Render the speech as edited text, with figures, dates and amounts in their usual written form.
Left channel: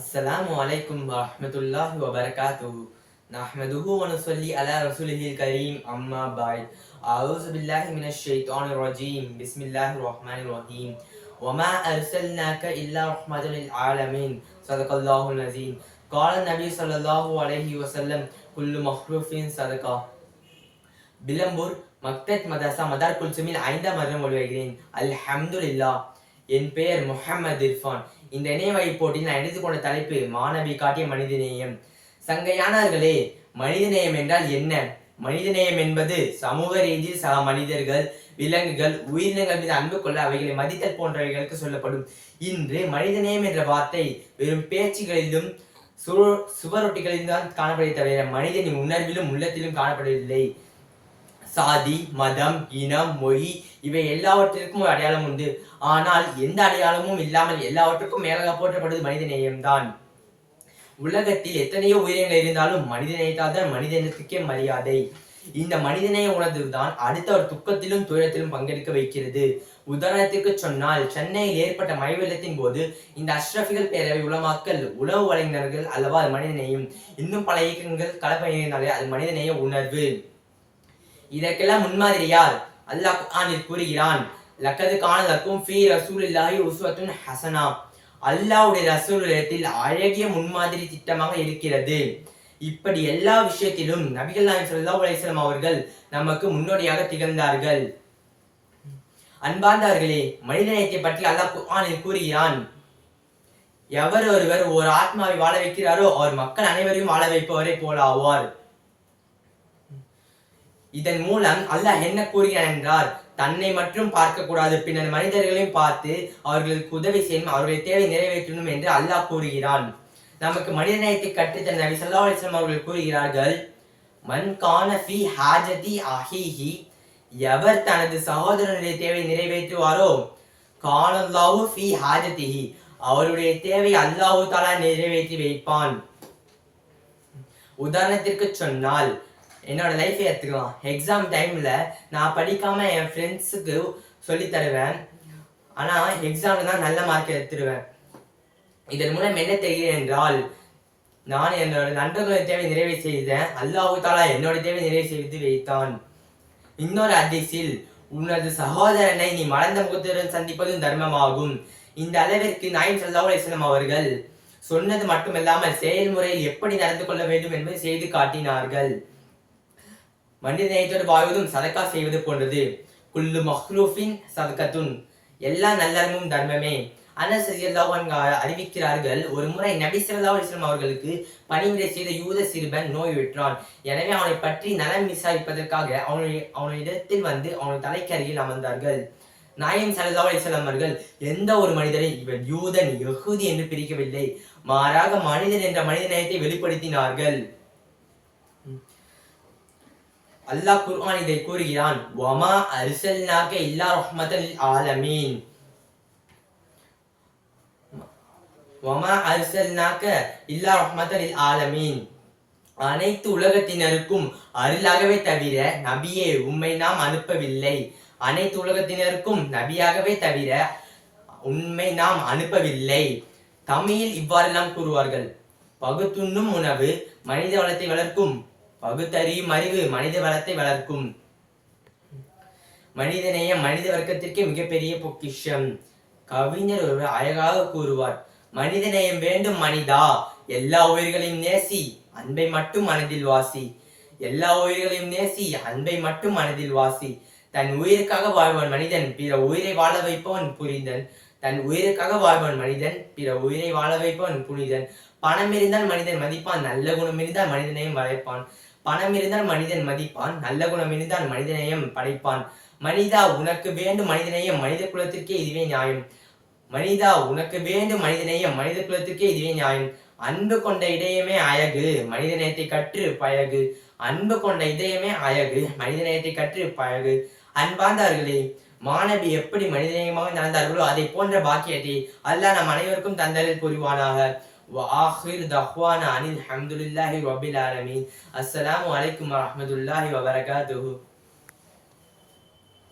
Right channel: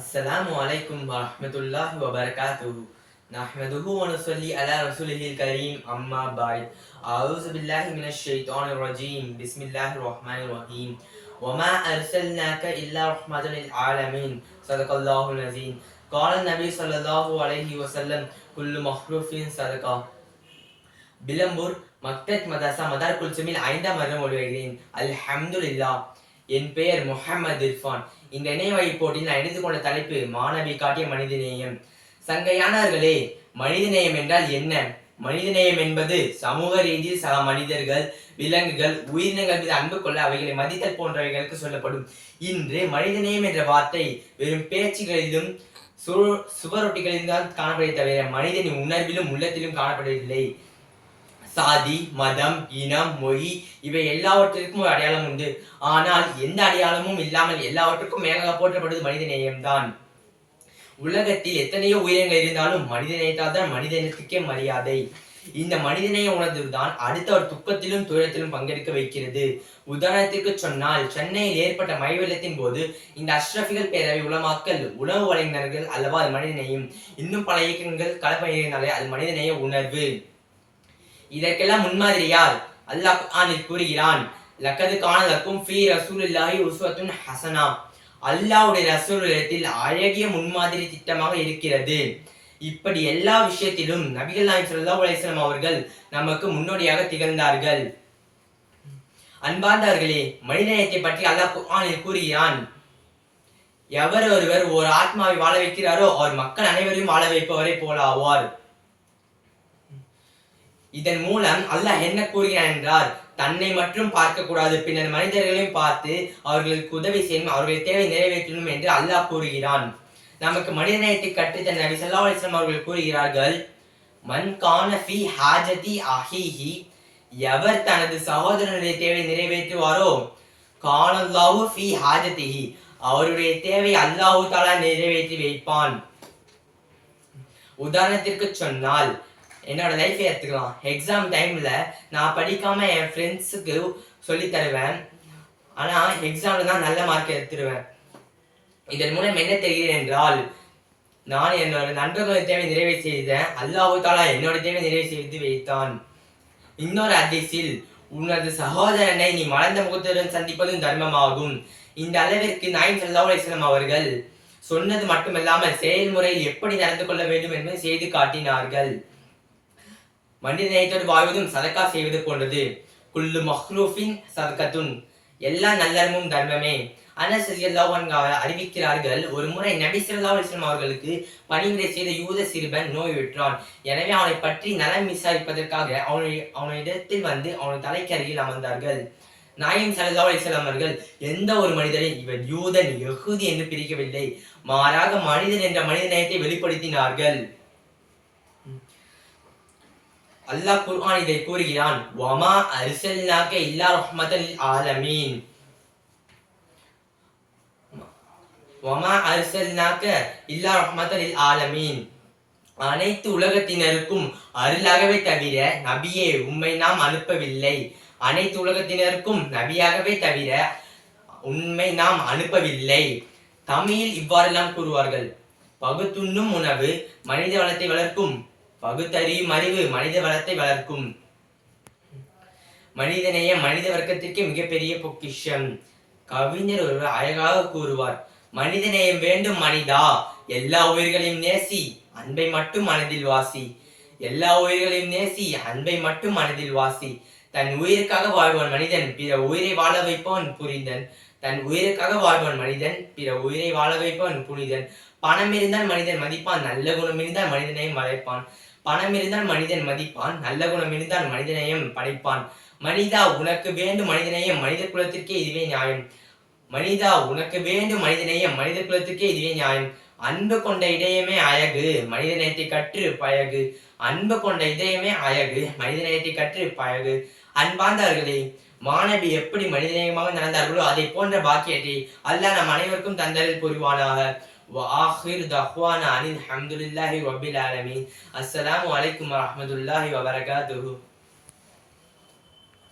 अस्सलामु अलैकुम वरहमतुल्लाहि वबरकातुहू नहमदुहु व नुसल्ली अला रसूलिहिल करीम अम्मा बाद अऊज़ु बिल्लाहि मिनश शैतानिर रजीम बिस्मिल्लाहिर रहमानिर रहीम वमा अरसलनाका इल्ला रहमतन लिल आलमीन सदक़ल्लाहुल अज़ीम क़ाल नबी सल्लल्लाहु अलैहि वसल्लम कुल्लु मख़्लूफ़िन सदक़ा விளம்பூர் மக்தத் மதரசா மதார் குல்சுமில் 5ஆம் வருடம் ஒளிவருகிறேன். அல்ஹம்துலில்லாஹ். என் பெயர் முஹம்மது இர்ஃபான். இந்த இணையவழி போட்டியில் நான் எடுத்துக்கொண்ட தலைப்பு மாணவி காட்டிய மனிதநேயம். சங்கையானவர்களே, மனிதநேயம் என்றால் என்ன? மனிதநேயம் என்பது சமூக ரீதியில் சக மனிதர்கள், விலங்குகள், உயிரினங்கள் மீது அன்பு கொள்ள அவைகளை மதித்தல் போன்றவைகளுக்கு சொல்லப்படும். இன்று மனிதநேயம் என்ற வார்த்தை வெறும் பேச்சுகளிலும் சுவரொட்டிகளிலும் தான் காணப்படுவதை தவிர மனிதனின் உணர்விலும் உள்ளத்திலும் காணப்படவில்லை. சாதி, மதம், இனம், மொழி இவை எல்லாவற்றிற்கும் ஒரு அடையாளம் உண்டு. ஆனால் எந்த அடையாளமும் இல்லாமல் எல்லாவற்றுக்கும் மேலாக போற்றப்படுவது மனித நேயம்தான். உலகத்தில் எத்தனையோ உயிரினங்கள் இருந்தாலும் மனித நேயத்தால் தான் மனிதனத்துக்கே மரியாதை. இந்த மனிதநேய உணர்வு தான் அடுத்தவர் துக்கத்திலும் துயரத்திலும் பங்கெடுக்க வைக்கிறது. உதாரணத்திற்கு சொன்னால், சென்னையில் ஏற்பட்ட மழை வெள்ளத்தின் போது இந்த அஷ்ரஃபிகள் பேரவை உலமாக்கல் உணவு வழங்கினார்கள் அல்லவா, அது மனிதநேயம். இன்னும் பல இயக்கங்கள் களப்பணியினாலே அது மனிதநேய உணர்வு. இதற்கெல்லாம் முன்மாதிரி யார்? அல்லாஹ் குர்ஆனில் கூறுகிறான், லக்கது கான லக்கும் ஃபீ ரசூலில்லாஹி உஸ்வத்துன் ஹஸனா. அல்லாஹ்வுடைய ரசூலிடத்தில் அழகிய முன்மாதிரி திட்டமாக இருக்கிறது. இப்படி எல்லா விஷயத்திலும் நபிகள் நாயகம் ஸல்லல்லாஹு அலைஹி வஸல்லம் அவர்கள் நமக்கு முன்னோடியாக திகழ்ந்தார்கள். அன்பார்ந்தவர்களே, மனிதநேயத்தை பற்றி அல்லாஹ் குர்ஆனில் கூறுகிறான், எவர் ஒருவர் ஒரு ஆத்மாவை வாழ வைக்கிறாரோ அவர் மக்கள் அனைவரையும் வாழ வைப்பவரை போல ஆவார். இதன் மூலம் அல்லாஹ் என்ன கூறுகிறான் என்றால், தன்னை மட்டும் பார்க்க கூடாது, பின்னர் மனிதர்களையும் பார்த்து அவர்களுக்கு உதவி செய்யணும், அவர்கள் தேவை நிறைவேற்றணும் என்று அல்லாஹ் கூறுகிறான். நமக்கு மனிதநேயத்தை கற்றுத்தந்த நபி ஸல்லல்லாஹு அலைஹி வஸல்லம் அவர்கள் கூறுகிறார்கள், மன் கான ஃபீ ஹாஜதி அஹீஹி, எவர் தனது சகோதரனுடைய தேவை நிறைவேற்றுவாரோ, கானல்லாஹு ஃபீ ஹாஜதிஹி, அவருடைய தேவை அல்லாஹ் தஆலா நிறைவேற்றி வைப்பான். உதாரணத்திற்கு சொன்னால், என்னோட லைஃபை எடுத்துக்கலாம். எக்ஸாம் டைம்ல நான் படிக்காம என் ஃப்ரெண்ட்ஸுக்கு சொல்லி தருவேன். ஆனா எக்ஸாம்ல தான் நல்ல மார்க் எடுத்துருவேன். இதன் மூலம் என்ன தெரிகிறது என்றால், நான் என்னோட நண்பர்களோட தேவை நிறைவு செய்தேன், அல்லாஹ் தஆலா என்னோட தேவை நிறைவு செய்து வைத்தான். இன்னொரு ஹதீஸில், உனது சகோதரனை நீ மலர்ந்த முகத்துடன் சந்திப்பதும் தர்மமாகும். இந்த அளவிற்கு நாயகம் ஸல்லல்லாஹு அலைஹி வஸல்லம் அவர்கள் சொன்னது மட்டுமல்லாமல் செயல்முறையில் எப்படி நடந்து கொள்ள வேண்டும் என்பதை செய்து காட்டினார்கள். மனித நேயத்தோடு வாழ்வதும் சதக்கா செய்வது போன்றது. குல்லு மஹ்லூஃபின் சதகத்துன், எல்லா நல்லறமும் தர்மமே. அனஸ் ரலியல்லாஹு அன்ஹு அறிவிக்கிறார்கள், ஒரு முறை நபி ஸல்லல்லாஹு அலைஹி வஸல்லம் அவர்களுக்கு பணிவிடை செய்த யூத சிறுவன் நோயுற்றான். எனவே அவனை பற்றி நலம் விசாரிப்பதற்காக அவனிடத்தில் வந்து அவன் தலைக்கு அருகில் அமர்ந்தார்கள். நாயகம் ஸல்லல்லாஹு அலைஹி வஸல்லம் அவர்கள் எந்த ஒரு மனிதனை இவர் யூதன் யஹூதி என்று பிரிக்கவில்லை, மாறாக மனிதன் என்ற மனித நேயத்தை வெளிப்படுத்தினார்கள். அல்லாஹ் குர்ஆன் இதை கூறுகிறான், வமா அர்சல்னாக இல்லா ரஹ்மத்தன் லில் ஆலமீன். வமா அர்சல்னாக இல்லா ரஹ்மத்தன் லில் ஆலமீன், அனைத்து உலகத்தினருக்கும் அருளாகவே தவிர நபியே உம்மை நாம் அனுப்பவில்லை. அனைத்து உலகத்தினருக்கும் நபியாகவே தவிர உண்மை நாம் அனுப்பவில்லை. தமிழில் இவ்வாறெல்லாம் கூறுவார்கள், பகுத்துண்ணும் உணவு மனித வளத்தை வளர்க்கும், பகுத்தறியும் அறிவு மனித வளத்தை வளர்க்கும். மனிதநேயம் மனித வர்க்கத்திற்கு மிகப்பெரிய பொக்கிஷம். கவிஞர் ஒருவர் அழகாக கூறுவார், மனிதநேயம் வேண்டும் மனிதா, எல்லா உயிர்களையும் நேசி, அன்பை மட்டும் மனதில் வாசி. எல்லா உயிர்களையும் நேசி, அன்பை மட்டும் மனதில் வாசி. தன் உயிருக்காக வாழ்வன் மனிதன், பிற உயிரை வாழ வைப்பவன் புரிந்தன். தன் உயிருக்காக வாழ்வன் மனிதன், பிற உயிரை வாழ வைப்பவன் புனிதன். பணம் இருந்தால் மனிதன் மதிப்பான், நல்ல குணம் இருந்தால் மனிதனையும் வளைப்பான். பணம் இருந்தால் மனிதன் மதிப்பான், நல்ல குணம் இருந்தால் மனிதநேயம் படைப்பான். மனிதா உனக்கு வேண்டும் மனிதநேயம், மனித குலத்திற்கே இதுவே நியாயம். மனிதா உனக்கு வேண்டும் மனிதநேயம், மனித குலத்திற்கே இதுவே நியாயம். அன்பு கொண்ட இதயமே அழகு, மனிதநேயத்தை கற்று பழகு. அன்பு கொண்ட இதயமே அழகு, மனிதநேயத்தை கற்று பழகு. அன்பார்ந்தவர்களே, மாணவி எப்படி மனிதநேயமாக நடந்தார்களோ அதை போன்ற பாக்கியத்தை அல்லாஹ் நம் அனைவருக்கும் தந்தரில் புரிவானாக. وآخر دعوانا أن الحمد لله رب العالمين. السلام عليكم ورحمة الله وبركاته.